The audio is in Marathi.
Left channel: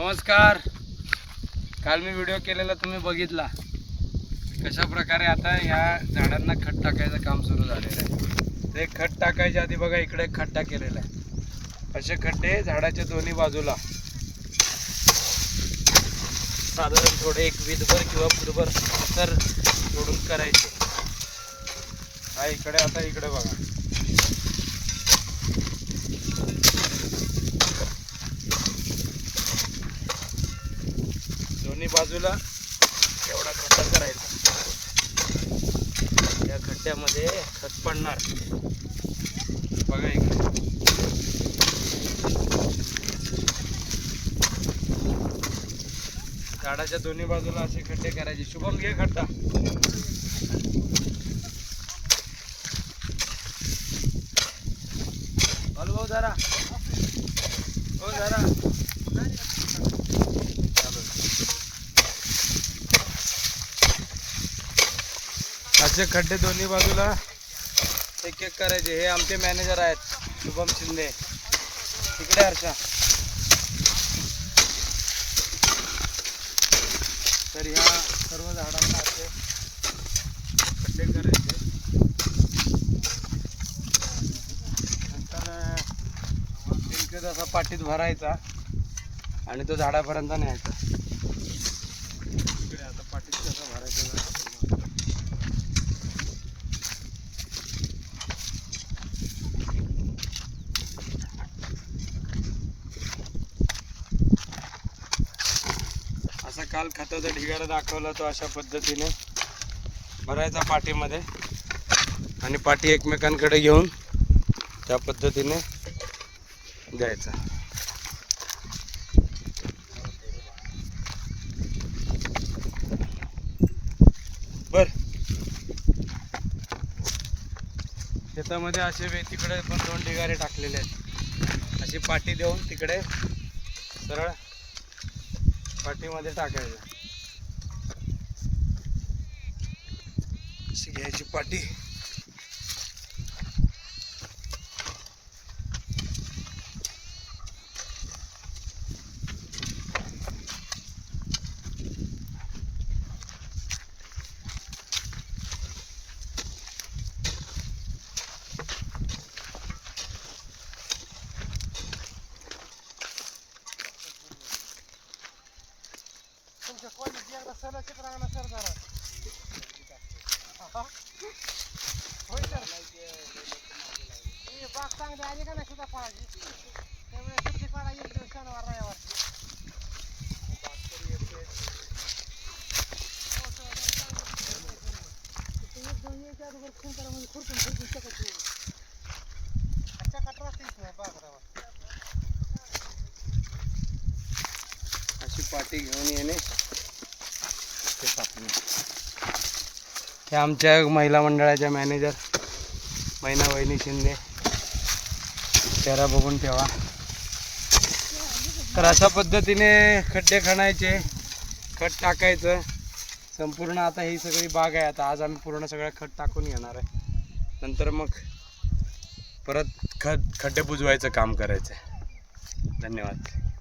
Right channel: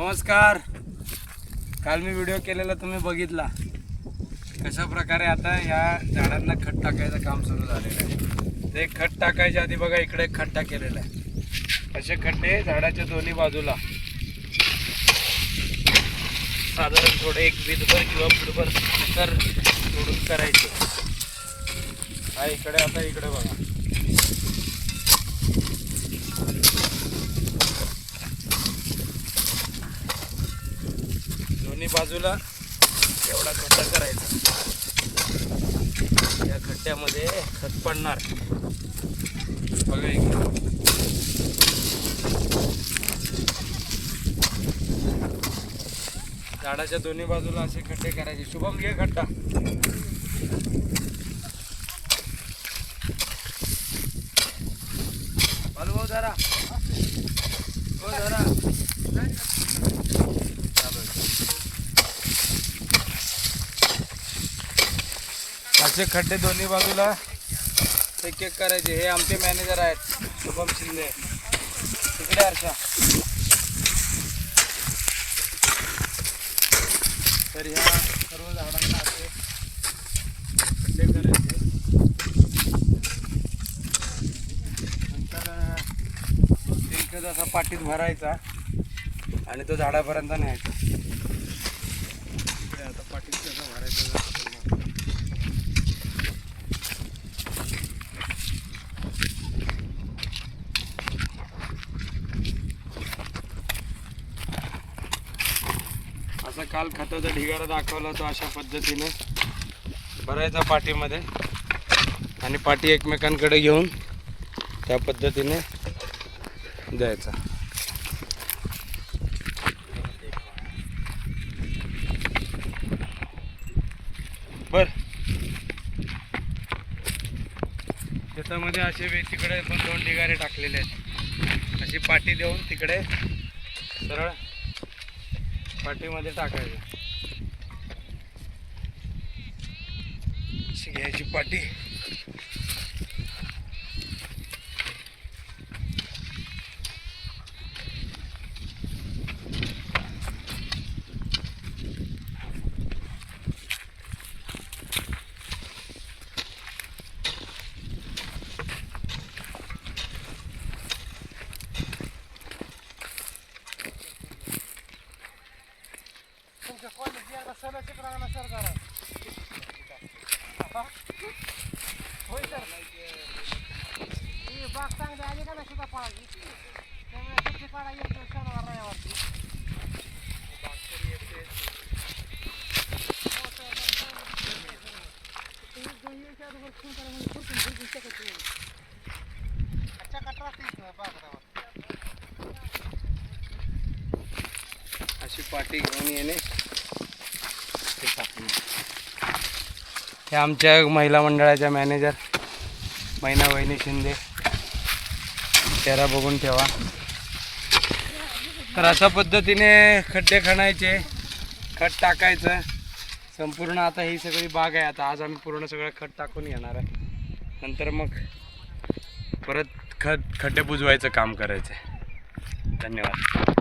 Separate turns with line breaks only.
नमस्कार. काल मी व्हिडिओ केलेला तुम्ही बघितला. कशा प्रकारे आता या झाडांना खत टाकायचं काम सुरू झालेलं आहे. ते खत टाकायच्या आधी बघा इकडे एक खड्डा केलेला आहे. असे खड्डे झाडाच्या दोन्ही बाजूला. साधारण थोडे एक विधभर किंवा फुटभर तर सोडून करायचे. हा इकडे आता इकडे बघा. दोन्ही बाजूला एवढा खड्डा करायचा. या खड्ड्यामध्ये खत पडणार. बघा झाडाच्या दोन्ही बाजूला असे खड्डे करायचे. शुभम घे खड्डा. हॅलो जरा हो जरा असे खड्डे दोन्ही बाजूला एक एक करायचे. हे आमचे मॅनेजर आहेत शुभम शिंदे. तिकडे अर्षा तर ह्या सर्व झाडांना असे खड्डे करायचे. नंतर त्यांचे जसा पाटीत भरायचा आणि तो झाडापर्यंत न्यायचा. आता पाटीत कसं भरायचं असं काल खताचा ढिगारा दाखवला तो अशा पद्धतीने. भरायचा पाठीमध्ये. आणि पाठी एकमेकांकडे घेऊन त्या पद्धतीने द्यायचा. बर. शेतामध्ये असे वे- तिकडे पण दोन ढिगारे टाकलेले आहेत. अशी पाठी देऊन तिकडे सरळ पाठीमध्ये टाकायचं. घ्यायची पाठी. अशी पाठी घेऊन येणे. टाकणे हे आमच्या महिला मंडळाच्या मॅनेजर महिना वहिनी शिंदे. चेहरा बघून ठेवा. तर अशा पद्धतीने खड्डे खणायचे खत टाकायचं. संपूर्ण आता ही सगळी बाग आहे. आता आज आम्ही पूर्ण सगळं खत टाकून घेणार आहे. नंतर मग परत खत खड्डे बुजवायचं काम करायचं धन्यवाद.